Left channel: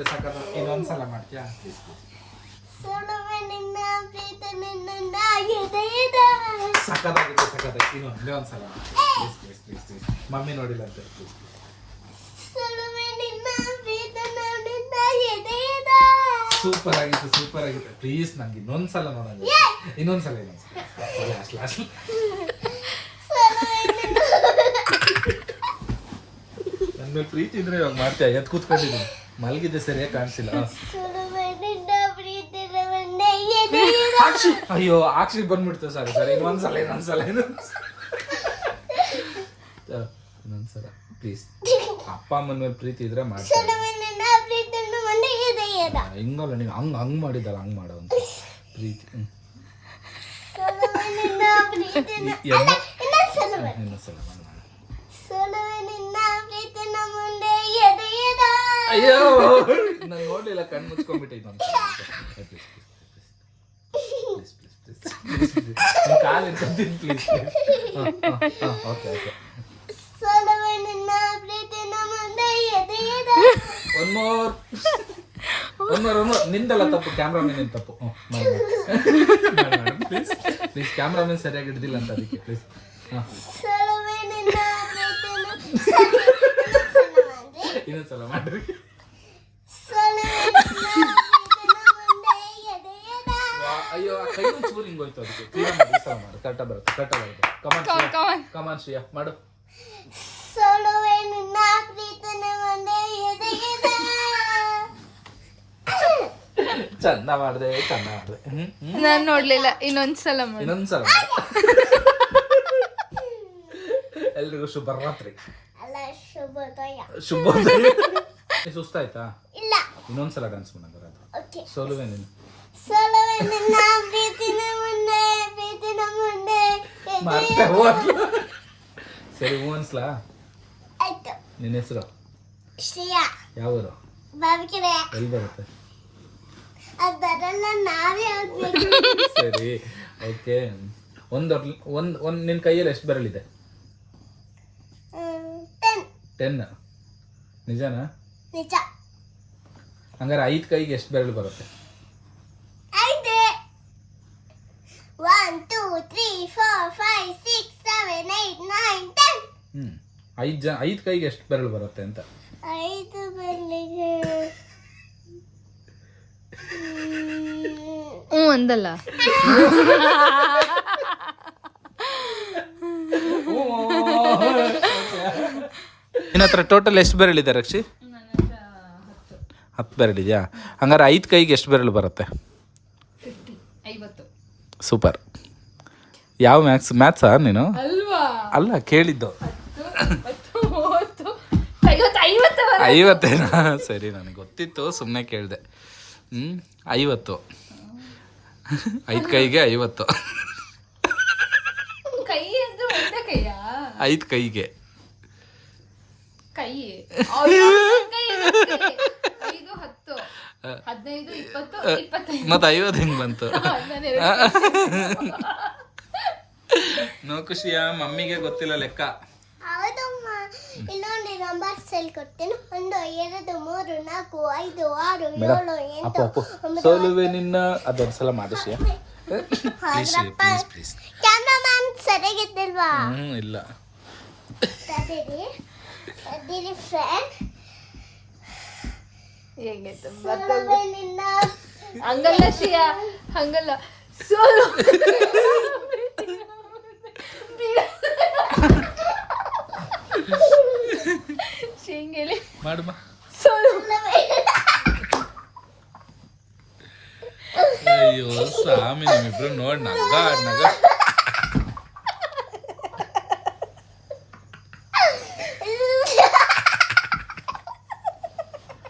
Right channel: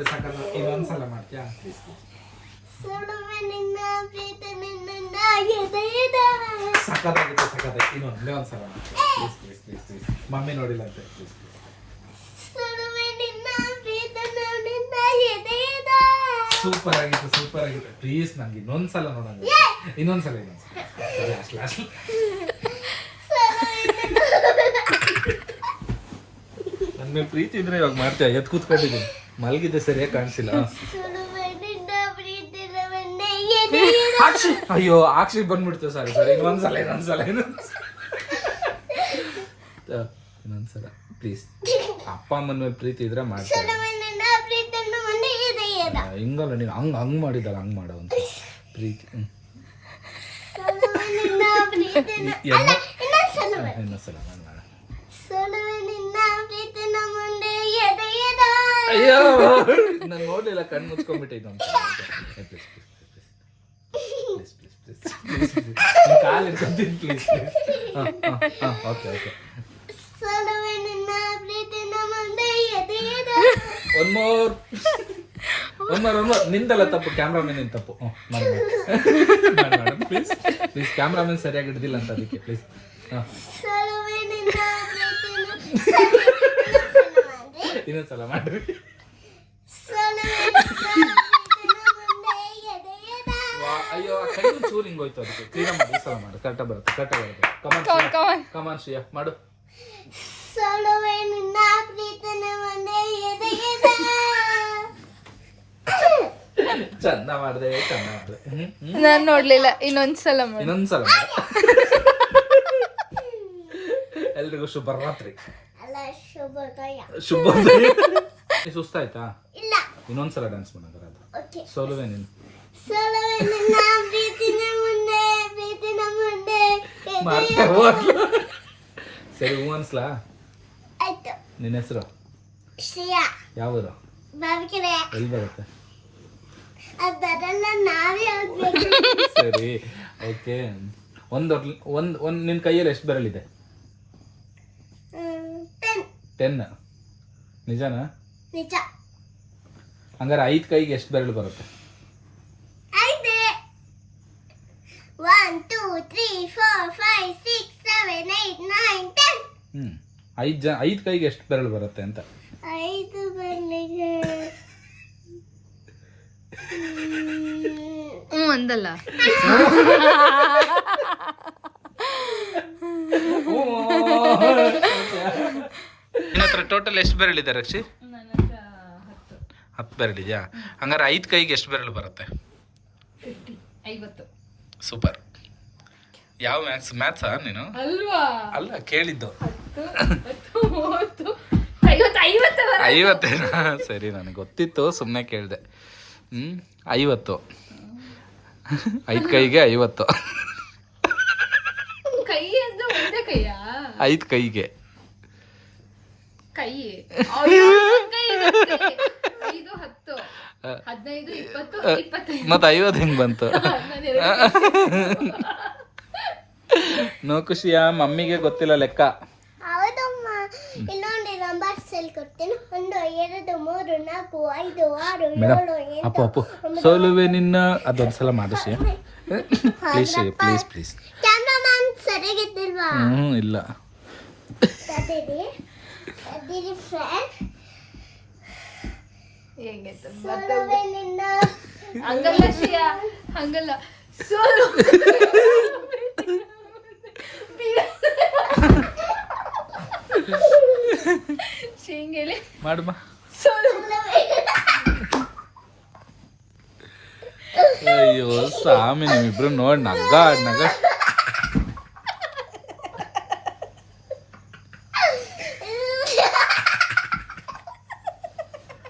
ನೋಡಿ ಸಾಕಲ್ಲ. ಇನ್ನೊಂದ್ಸಲ ಮಾಡ್ತೀಯಾ? ಸಖತ್ತಾಗಿತ್ತು ಸಖತ್ತಾಗಿ ಇನ್ನೊಂದು ಇನ್ನೊಂದ್ಸಲ please please please please mummy ನೋಡಿಲ್ಲ ಅಂತ ಪ್ಲೀಸ್ ಸೂಪರ್ ಆಗಿತ್ತು ಸೂಪರ್ ಆಗಿತ್ತು. ಪ್ಲೀಸ್ ನಂಗೆ ಇನ್ನೊಂದ್ಸಲ ನೋಡೋಣ. ಇನ್ನೊಂದ್ಸಲ ಇನ್ನೊಂದ್ಸಲ ಲಾಸ್ಟ್ ಲಾಸ್ಟ್ ನನ್ನ ಮೇಲೆ ಪ್ರೀತಿ ಇದ್ರೆ ಇವಾಗ ಮಾಡ್ತೀಯ? ಎದ್ ಕೂತ್ಕೊಂಡಿದ್ದೀನಿ. ಮಲಗಿದ್ದೆ ಸರಿಯಾಗಿ ಕಾಣಿಸಿಲ್ಲ. ಅಯ್ಯೋ ಆಕ್ಷಿ ಬಂದ್ಬಿಡ್ತು. ಸರ್ ಸರಿ ಇನ್ನೊಂದ್ಸಲ ಇನ್ನೊಂದ್ಸಲ ಇನ್ನೊಂದ್ಸಲ ಪ್ಲೀಸ್ ಅಪ್ಪ ಅಮ್ಮನ ಮೇಲೆ ಪ್ರೀತಿ ಇದ್ರೆ ಎದೆಯದ ಹಿಂಗಲ್ಲ ನೀನು ಹಂಗ್ ಹಂಗ್ ಮಾಡಿದ್ದಲ್ಲ ಹಂಗ್ ಮಾಡೋ ಅಂತ. ಪ್ರೀತಿ ಇನ್ನೊಂದ್ಸಲ ಮಾಡು, ಮುಂದೆ ಎದೆಯದ ಅಯ್ಯೋ. ನಾನು ನೋಡ್ಲಿಲ್ಲ ಕಣ್ಣು ಮುಚ್ಕೊಂಡ್ಬಿಟ್ಟಿದ್ದು ಕಾಲು ಇಟ್ಕೊಂತೀನಿ ಪ್ಲೀಸ್ ಓಕೆ ಓಕೆ ಸೊಲುವೆ ನಿನ್ನ ಮುಂದೆ ಎದೆಯದ one more one more one more ನಿಂದಲ್ಲ ತಪ್ಪು ಕ್ಯಾಮ್ರಾಮನ್ ತಪ್ಪು. ಪ್ಲೀಸ್ ಪ್ಲೀಸ್ ಕ್ಯಾಮ್ರಾಮನ್ ಸರಿಯಾಗಿ ಹಿಡ್ದಿಲ್ಲ ಅಂತ ಅದಕ್ಕೆ ಪ್ಲೀಸ್ ನಿನ್ನ ಇನ್ನೊಂದ್ಸಲ ಮಾಡ್ರಿ ಅಯ್ಯೋ ಆ ಕೈ ಚೂರು ಹಿಂಗ್ ಹೋಯ್ತು ಅದಕ್ಕೆ. ಕ್ಲೀನ್ ಮಾಡಿ ಈ ಸಲ ಮಾಡು. ಕರೆಕ್ಟಾಗಿ ಬರುತ್ತೆ ಕರೆಕ್ಟಾಗಿ ಬರುತ್ತೆ. ಕಮಾನ್ ಕಮಾನ್ ಕಮಾನ್ ಶ್ರೀಯಾ ಮಾಡು ಸೊಲುವೆ ನಿನ್ನ ಪ್ರೀತನೆ ಎದೆಯದ ಚಂದ ಮಾಡಿದೆ ಚಂದ ಮಾಡಿದೆ. ಹ್ಮ್ ಹ್ಮ್. ನಾನ್ ನೋಡ್ಲಿಲ್ಲ ಇನ್ನೊಂದ್ಸಲ ಮಾಡಿ. ಇನ್ನೊಂದ್ಸಲ ಎಲ್ರಿಗೂ ಶುಭರಾತ್ರಿ. ಶುಭೋದಯ. ಶುಭೋದಯ. ಸುಸ್ತಾಯ್ತಾ? ಇಲ್ಲ. ಇನ್ನೊಂದ್ಸಲ ಡ್ಯಾನ್ಸ್ ಮಾಡೋಣ ಬರೋದು ಓಕೆ ಸೋಲುವೆ ನೀನು ಸೋಲುವೆ ನಿನ್ನ ಪ್ರೀತಿನ ಮುಂದೆ ಪ್ರೀತಿನ ಮುಂದೆ. ಸರಿ ಹೂ ಅನ್ಸ್ಲಾ? ಆಯ್ತು. ನಿನ್ನ ಹೆಸರು? ಶ್ರೇಯಾ. ಯಾವ ಊರು ಬಾಬಿಕೆರೆ ಎಲ್ಲಿ ಬರುತ್ತೆ? ಅದೆಲ್ಲ ನಾವೇ ಸರಿ ಓಕೆ ಒಂದು ಒಂದು ಒಂದು ನಿನ್ನ ಕೈಯಲ್ಲಿ ಎಷ್ಟು ಬೆರಳಿದೆ? ಹ್ಮ್, ಟೆನ್ ನಿಜನಾ? ನಿಜ. ಹಂಗಾರೆ ಐದು ಕೈಗೆ ಎಷ್ಟು ಬೆರಳು ಬರುತ್ತೆ? ಐದೆ. One two three four five six seven eight nine ten ಹ್ಞೂ ಐದು ಜನ ಐದು ಕೈಗೆ ಎಷ್ಟು ಬೆರಳು ಬರುತ್ತೆ ಅಂತ? ಐದು ಬೆರಳಿಗೆ. ಹ್ಞೂ ಅಂದಲ್ಲ ನಿನ್ನ ಹತ್ರ ಟೋಟಲ್ ಎಷ್ಟು ಬೆರಳಿದೆ ರಕ್ಷಿ? ಹತ್ತು ಬೆರಳಿದೆಯಾ ಹಂಗಾರೆ ಐದು ಕೈಗೆ ಎಷ್ಟು ಬೆರಳು ಬರುತ್ತೆ? ಸೂಪರ್ ಯಾವ ಮ್ಯಾಥ್ಸ್ ಮ್ಯಾಥ್ಸಾ ನೀನು? ಅಲ್ಲ ಕೇಳಿದ್ದು. ಐವತ್ತೇನಾ? ಸರಿ ನನಗೆ ಗೊತ್ತಿತ್ತು ಸುಮ್ಮನೆ ಕೇಳಿದೆ. ಹ್ಞೂ ಐವತ್ತು. ಐದು ಕೈಗೆ ಐವತ್ತು. ಐದು ಕೈಗೆ. ಕೈ. ಐದು ಹತ್ತು. ಹದಿನೈದು ಇಪ್ಪತ್ತು ಇಪ್ಪತ್ತೈದು. ಮತ್ತು ಐವತ್ತು ಹೆಂಗೆ ಬಂತು? ನೋ ಖುಷಿಯ ಮಮ್ಮಿಗೆ ಗೊತ್ತಿಲ್ಲ ಲೆಕ್ಕ. ಹೌದಮ್ಮ ಇನ್ನೊಂದು ನಂಬರ್ ಹೇಳ್ಕೊಡ್ತೇನೆ ಒಂದು ಎರಡು ಮೂರು ನಾಲ್ಕು ಐದು ಆರು ಏಳು ಎಂಟು ಸೋಲುವೆ ನಿನ್ನ ಸಲ ಮಾಡಿಸಿ. ಪ್ಲೀಸ್ ಪ್ಲೀಸ್ ಪ್ಲೀಸ್ ಕ್ಯಾಮ್ರಾಮನ್ ಸರಿಯಾಗಿದ್ದಿಲ್ವಾ? ಹ್ಞೂ ಇಲ್ಲ. ತದಿರಿ ಫ್ರೆಂಡ್ ಹೇಗಿತ್ತು ಹಂಗಲ್ಲ ಶ್ರೀಯಾ ಹಂಗಲ್ಲ. ಸೋಲು ಶೇಂಗೇಲಿ ಮಾಡುಮ ಸೋಲು ಅಯ್ಯೋ ಸ್ವಾಮಿ ಇಬ್ರು ನೋಡಿ ನಗ ನಗ.